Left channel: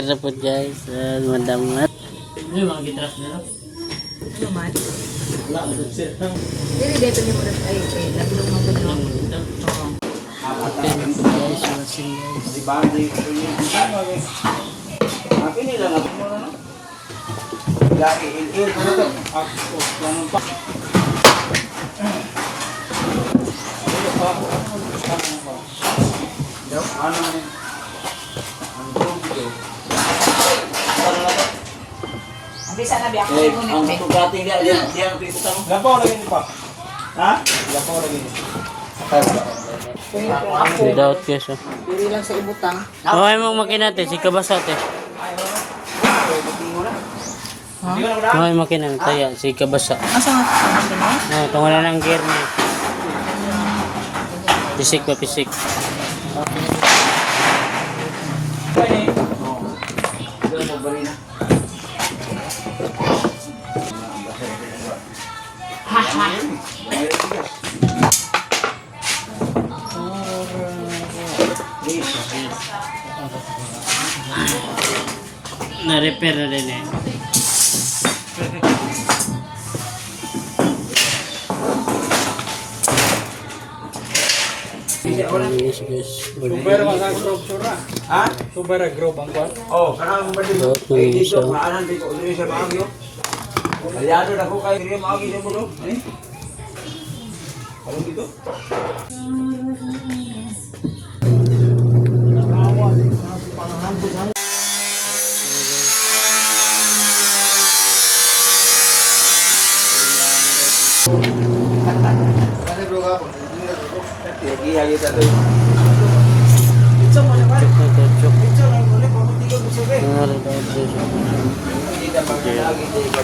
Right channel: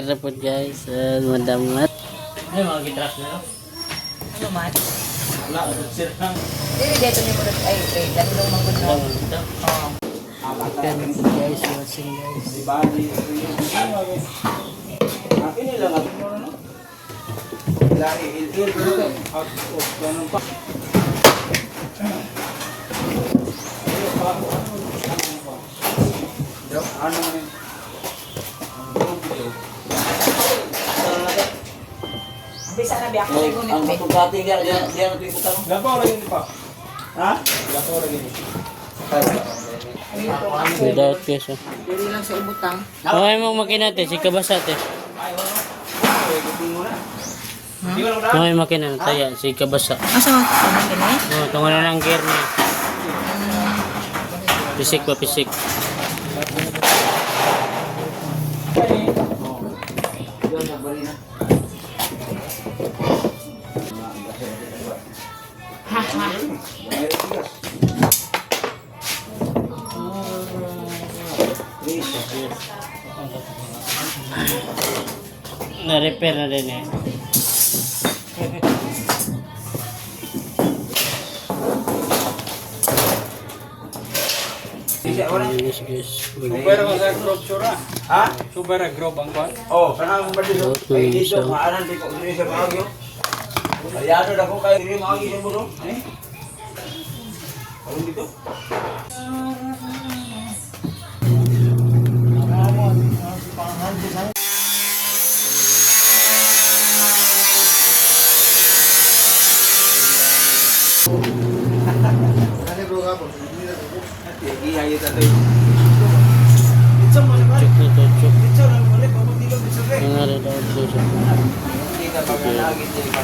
repair na po guys. Madamat. Ano mga gitras na no? Ano man? Wala, sir lang. Dili dito ni mo ay kay landong mga gudno. Oo. Repair na po guys. Washing guys. Di ba? Akin nila lang. Lari, ilil ko na ito. Ganun pa. Ano naman? Ang bisa na biya ko sa gunit Ang be. pagkating diyan ang piputan mo. Lapo lang yun pa. Ha? Lapo lang yun. Kung ako Without guys. Oh. diri lang sa ibutang. Buhay mo makinate. Si kabasate. Ha? Buhay makinan. Taya. Si kabasa. Asa ang kini? No, tungo na lang gear niya. Pisik pa pisik. Na-repair na din eh. Yes, guys. Super ka sa structure ha? Super grow bang kwan? Oh, kanang ba dito? Ay dito maanan dito diri sa Baguio. Aliado na ko kay diri maagi sa bulo. Ay. Ano dito? Lagi tayo. Pizza mo siya pare. Pizza lang mo ulit pamunti ka pizza be. Hindi ka pag nalagi di ka.